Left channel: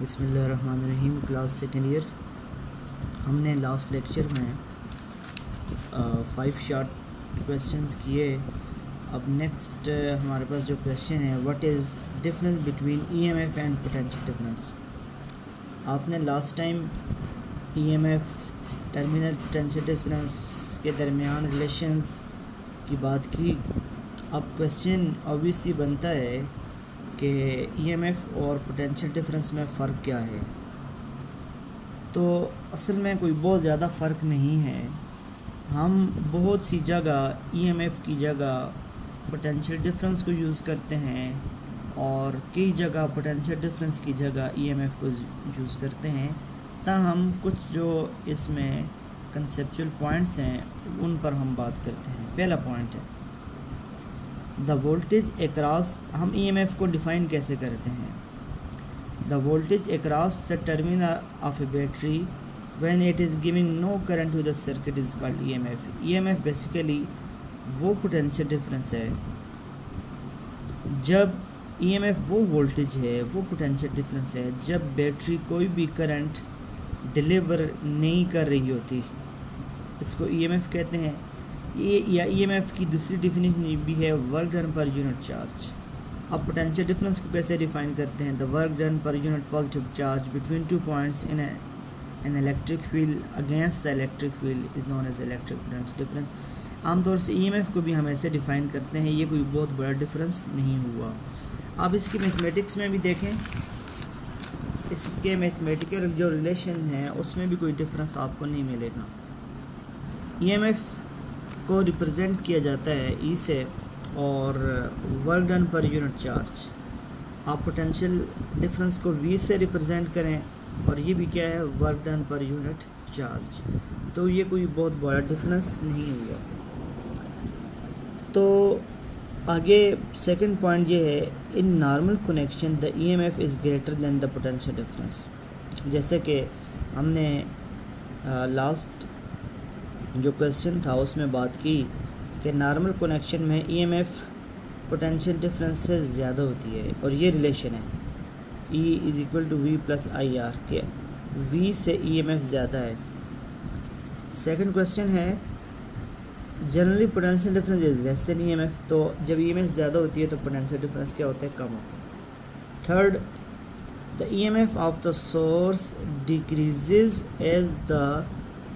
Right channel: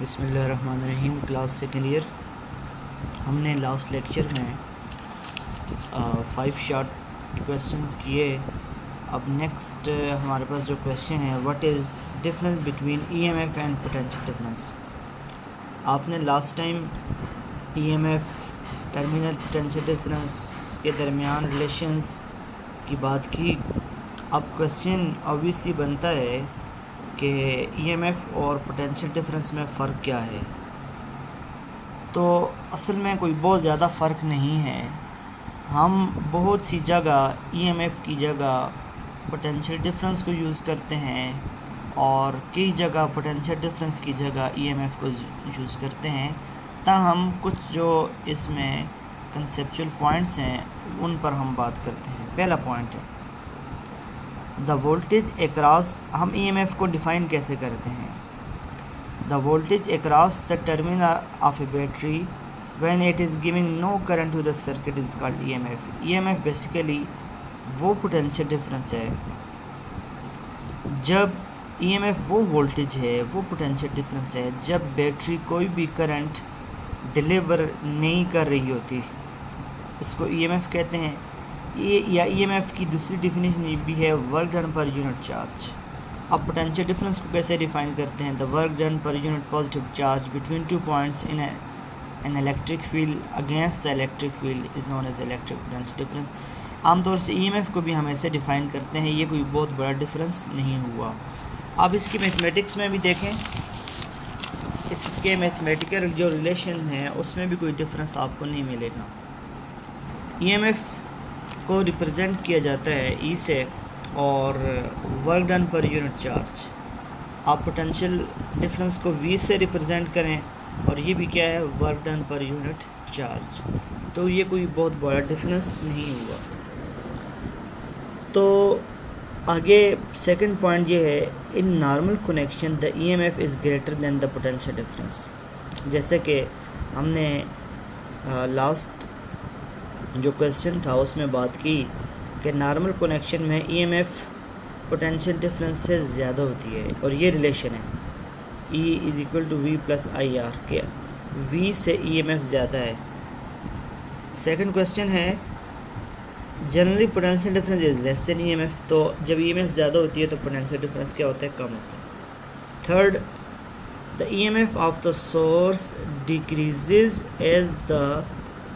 बिस्मिल्लाहिर्रहमानिर्रहीम। Class second year. हमने last lecture में 5 शॉर्ट क्वेश्चंस किए। अब नेक्स्ट हमारे पास जो क्वेश्चन है, what is difference between EMF and potential difference. आपने last time EMF terminal potential difference के दरमियान रिलेशंस की बात की। अब क्वेश्चन ऑब्वियसली बनता है कि ईएमएफ और पोटेंशियल डिफरेंस में फ़र्क क्या है। तो असल में कोई बहुत ज़्यादा फ़र्क नहीं है। हम बहुत सी जगह ईएमएफ की जगह पोटेंशियल डिफरेंस को यूज़ करते हैं और कई जगह पोटेंशियल डिफरेंस की जगह ईएमएफ को यूज़ करते हैं। ताहम कुछ जो इसमें कंसेप्चुअल पॉइंट्स हैं उन पर हम बात करते हैं। पहला पॉइंट है द वोल्टेज अक्रॉस। हम ईएमएफ को डिफ़ाइन कैसे करते हैं? The voltage across the terminal of a battery when it is giving no current to the circuit is called EMF. EMF basically वो पोटेंशियल डिफरेंस है जब ईएमएफ वो वोल्टेज है, वो पोटेंशियल डिफरेंस है जब बैटरी कोई भी करंट डिलीवर नहीं कर रही होती। इसको ईएमएफ कहते हैं। या ईएमएफ की दूसरी डिफिनेशन भी है work done per unit charge. अब पोटेंशियल डिफरेंस को कैसे डिफाइन करते हैं? The work done per unit positive charge between 2 points in an electric field against the electric field is known as electric potential difference. आमतौर से EMF को भी हम ऐसे डिफ़ाइन करते हैं। ये कोई बहुत बड़ा डिफरेंस नहीं हुआ। आप इसकी मैथमेटिक्स में भी देखें, इसके मैथमेटिकल जो रिलेशन है उसमें भी कोई डिफरेंस आपको नहीं मिलेगा। ईएमएफ को रिप्रेजेंट किया जाता है ई से और work done per unit charge. आप पोटेंशियल डिफरेंस को वी से रिप्रेजेंट करें और ये भी क्या है, work done per unit charge. तो ये कोई बहुत बड़ा डिफरेंस नहीं हुआ। तो आगे सेकंड पॉइंट ये है, in normal connection the EMF is greater than the potential difference. जैसे कि हमने लास्ट जो क्वेश्चन था उसमें बात की कि नॉर्मल कनेक्शन में ईएमएफ पोटेंशियल डिफरेंस से ज़्यादा होती है और ये रिलेशन है E is equal to V plus I R के वी से ईएमएफ ज़्यादा है। सेकंड क्वेश्चन है generally potential difference is less than EMF. तो जब ईएमएफ ज़्यादा होती है तो पोटेंशियल डिफरेंस क्या होता है, कम होता है। Third, the EMF of the source decreases as the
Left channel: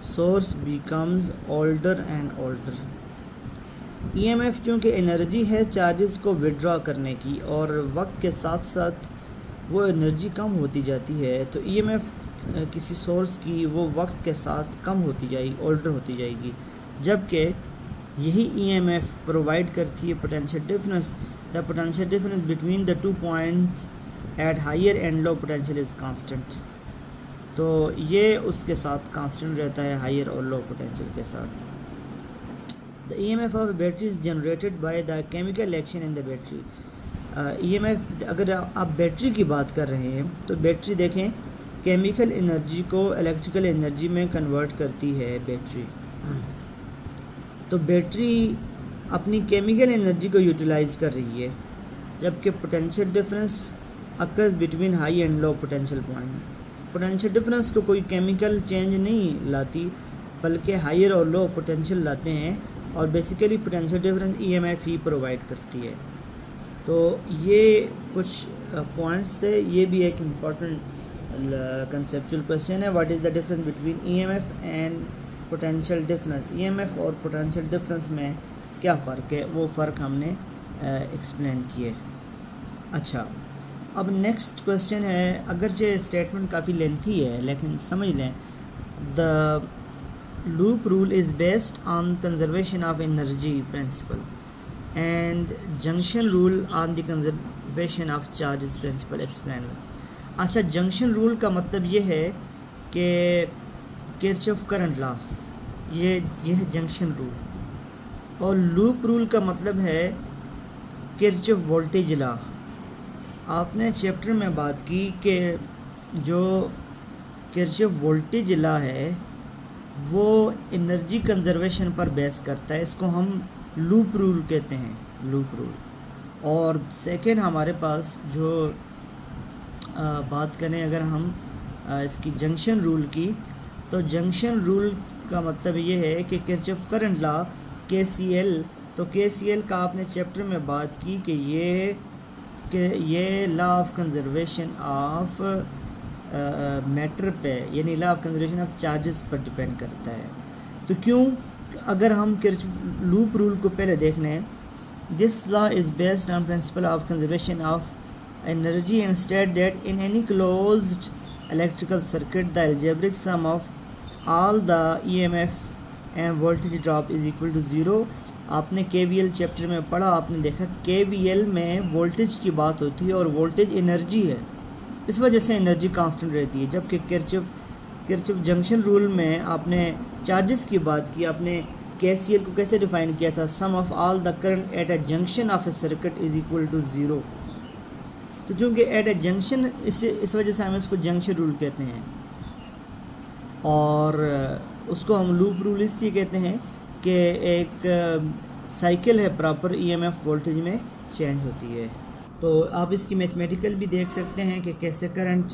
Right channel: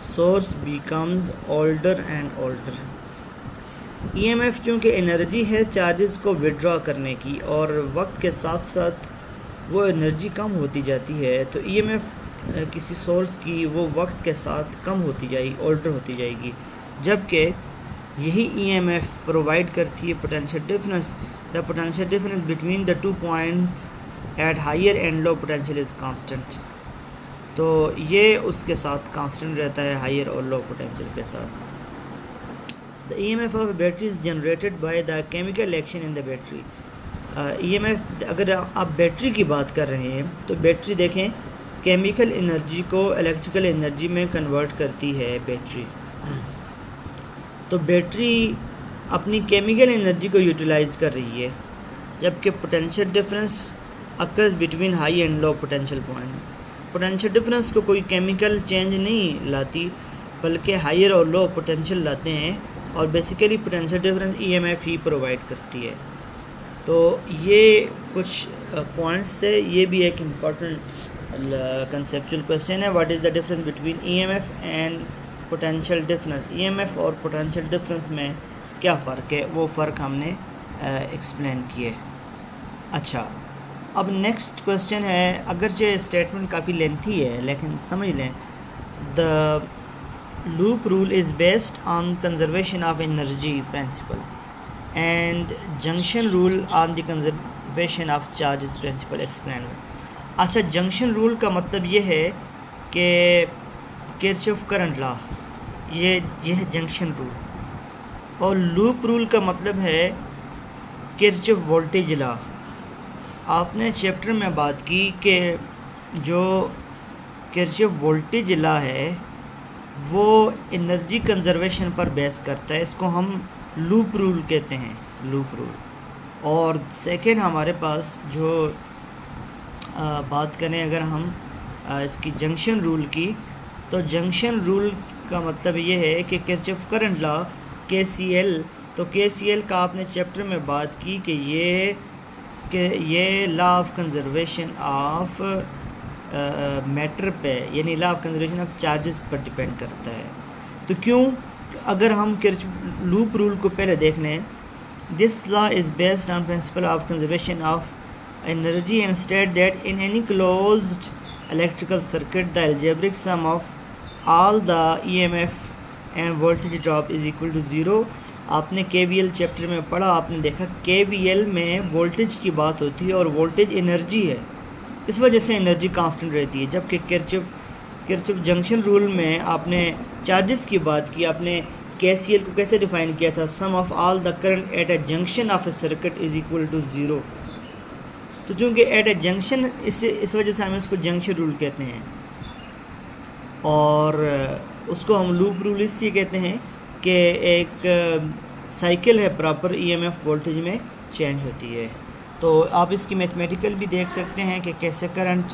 source becomes older and older. EMF चूँकि एनर्जी है चार्जेस को विड्रॉ करने की और वक्त के साथ साथ वो एनर्जी कम होती जाती है, तो ईएमएफ किसी सोर्स की वो वक्त के साथ कम होती जाएगी, ओल्डर होती जाएगी। जबकि यही ईएमएफ प्रोवाइड करती है potential difference. The potential difference between the 2 points at higher and low potential is constant. तो ये उसके साथ कांस्टेंट रहता है, हायर और लो पोटेंशियल के साथ। The EMF of battery is generated by the chemical action in the battery. EMF, अगर आप बैटरी की बात कर रहे हैं तो बैटरी देखें केमिकल एनर्जी को इलेक्ट्रिकल एनर्जी में कन्वर्ट करती है बैटरी। तो बैटरी अपनी केमिकल एनर्जी को यूटिलाइज कर रही है, जबकि potential difference occurs between high and low potential point. Potential difference को कोई केमिकल चेंज नहीं लाती बल्कि हायर और लो पोटेंशियल लाते हैं और बेसिकली पोटेंशियल डिफरेंस ईएमएफ ही प्रोवाइड करती है। तो ये कुछ पॉइंट्स से ये भी एक इम्पॉर्टेंट कंसेप्चुअल क्वेश्चन है, what is the difference between EMF and potential difference. EMF और पोटेंशियल डिफरेंस में क्या फ़र्क है, वो फ़र्क हमने एक्सप्लेन किए। अच्छा, अब नेक्स्ट क्वेश्चन है, अगरचे स्टेटमेंट काफ़ी लेंथी है लेकिन समझ लें। The loop rule is based on conservation of energy principle and junction rule on the conservation of charges principle explain. अच्छा, जंक्शन रूल का मतलब ये है कि किरचॉफ करंट लॉ, ये है जंक्शन रूल। और लूप रूल का मतलब है किरचॉफ वोल्टेज लॉ। आपने चैप्टर में बात की कि जो किरचॉफ वोल्टेज लॉ है वो एनर्जी कंजर्वेशन पर बेस करता है। इसको हम लूप रूल कहते हैं, लूप रूल। और सेकेंड हमारे पास जो बात करें अगर हम इसकी जंक्शन रूल की, तो जंक्शन रूल का मतलब ये है कि किरचॉफ करंट लॉ KCL, तो KCL का आपने चैप्टर में बात की कि ये law of conservation of matter पे, यानी law of conservation of charges पर डिपेंड करता है। तो क्यों, अगर हम किरचॉफ लूप रूल को पहले देख लें, this law is based on principle of conservation of energy and state that in any closed electrical circuit the algebraic sum of all the EMF and voltage drop is equal to zero. आपने KVL chapter में पढ़ा, आपने देखा KVL में voltage की बात होती है और वोल्टेज एनर्जी है, इस वजह से एनर्जी कांस्टेंट रहती है। जबकि किरचॉफ जंक्शन रूल में आपने चार्जेस की बात की, आपने KCL को कैसे डिफाइन किया था, sum of all the current at a junction of a circuit is equal to zero. तो चूँकि एट ए जंक्शन, इस वजह से हम इसको जंक्शन रूल कहते हैं, और उसको हम लूप रूल इसलिए कहते हैं कि एक साइकिल है प्रॉपर EMF वोल्टेज में चेंज होती है। तो आप इसकी मैथमेटिकल भी देख सकते हैं कि कैसे करंट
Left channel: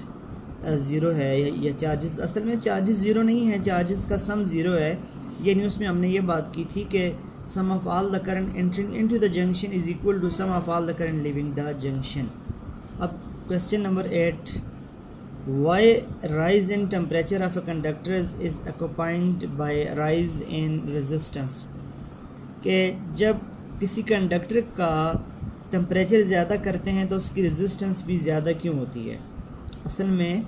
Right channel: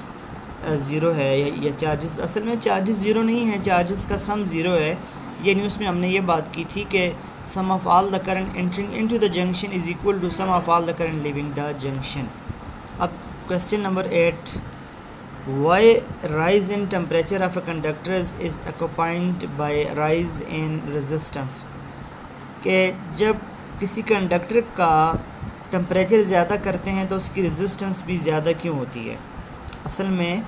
ज़ीरो है या चार्जेस, असल में चार्जेस ज़ीरो नहीं है, चार्जेस का सम ज़ीरो है। यानी उसमें हमने ये बात की थी कि sum of all the current entering into the junction is equal to sum of all the current leaving the junction. अब question number 8, why rise in temperature of a conductor is accompanied by rise in resistance, कि जब किसी conductor का temperature ज़्यादा करते हैं तो उसकी रेजिस्टेंस भी ज़्यादा क्यों होती है। असल में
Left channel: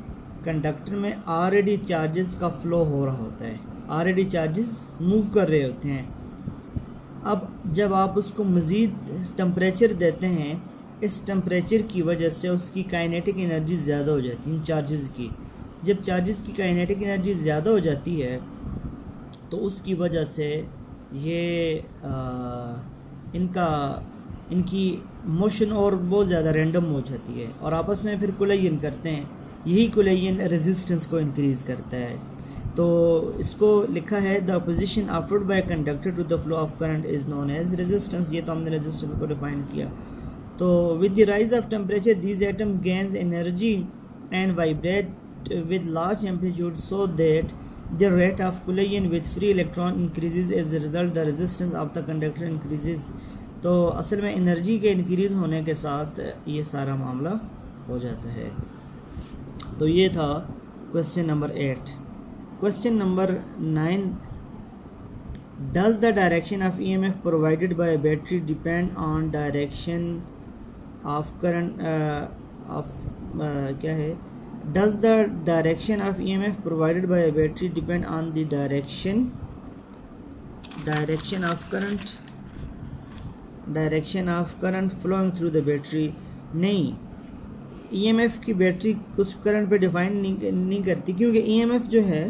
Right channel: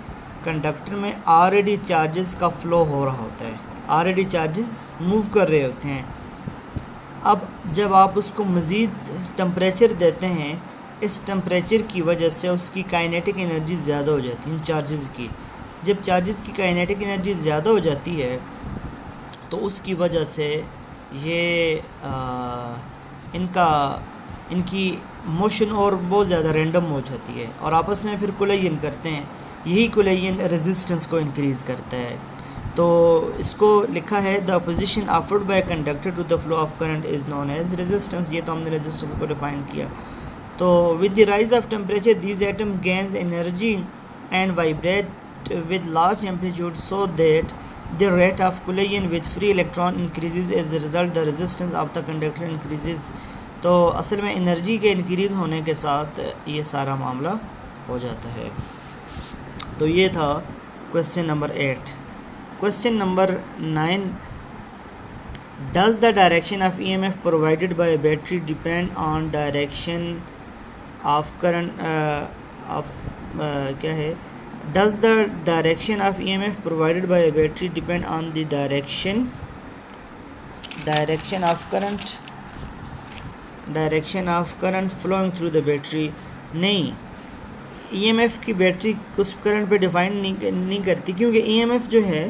कंडक्टर में ऑलरेडी चार्जेस का फ़्लो हो रहा होता है, ऑलरेडी चार्जेस मूव कर रहे होते हैं। अब जब आप उसको मज़ीद टेम्परेचर देते हैं, इस टेम्परेचर की वजह से उसकी काइनेटिक एनर्जी ज़्यादा हो जाती है चार्जेस की। जब चार्जेस की काइनेटिक एनर्जी ज़्यादा हो जाती है तो उसकी वजह से ये इनकी मोशन और बहुत ज़्यादा रैंडम हो जाती है और आपस में फिर कोलाइजन करते हैं। यही कोलाइजन रेजिस्टेंस को इंक्रीज़ करता है। तो इसको लिखा है the opposition offered by conductor to the flow of current is known as resistance. ये तो हमने रेजिस्टेंस को डिफाइन किया। तो with the rise of temperature these atom gains energy and vibrate with large amplitude so that the rate of collision with free electron increases, as a result the resistance of the conductor increases। तो असल में energy के increase होने के साथ ये सारा मामला हो जाता है। तो ये था question number 8। Question number 9, does the direction of EMF provided bye battery depend on direction of current क्या है, does the direction of EMF provided by a battery depend on the direction of current flowing through the battery। नहीं, EMF की battery कुछ current पे define नहीं करती, क्योंकि EMF जो है,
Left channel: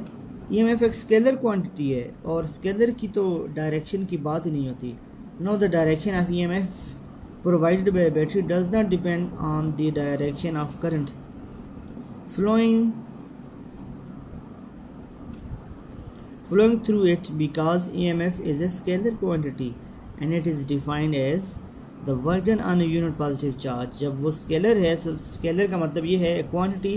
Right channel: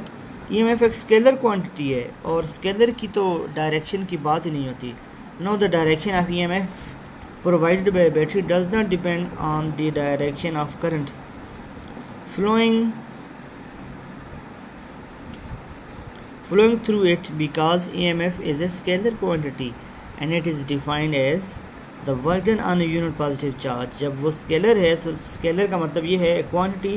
EMF एक स्केलर क्वांटिटी है और स्केलर की तो डायरेक्शन की बात ही नहीं होती। No, the direction of EMF provided by a battery does not depend on the direction of current flowing through it, because EMF is a scalar quantity and it is defined as the work done on a unit positive charge। जब वो scalar है, so scalar का मतलब ये है quantity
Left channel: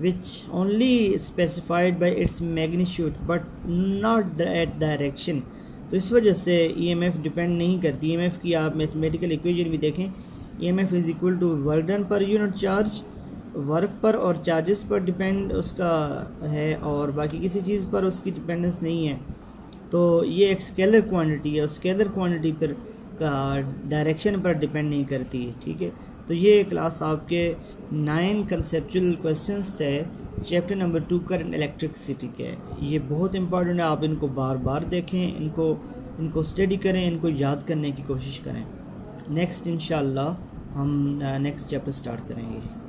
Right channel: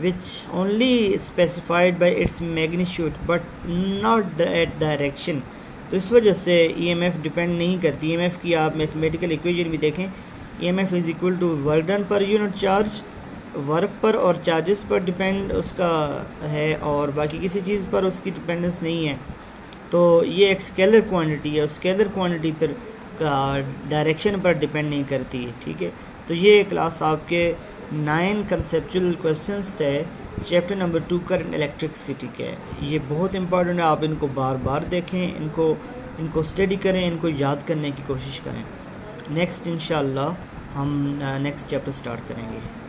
which only specified by its magnitude but not at direction। तो इस वजह से EMF डिपेंड नहीं करती। EMF की आप मैथमेटिकल इक्वेशन भी देखें, EMF is equal to work done per unit charge, work per और चार्जेस पर डिपेंड उसका है और बाकी किसी चीज़ पर उसकी डिपेंडेंस नहीं है। तो ये एक स्केलर क्वांटिटी है और स्केलर क्वांटिटी पर का डायरेक्शन पर डिपेंड नहीं करती है। ठीक है, तो ये क्लास आपके 9 कंसेप्चुअल क्वेश्चंस थे चैप्टर नंबर 2 करंट इलेक्ट्रिसिटी के। ये बहुत इंपॉर्टेंट है, आप इनको बार बार देखें, इनको स्टडी करें, इनको याद करने की कोशिश करें। नेक्स्ट इंशाल्लाह हम नेक्स्ट चैप्टर स्टार्ट करेंगे।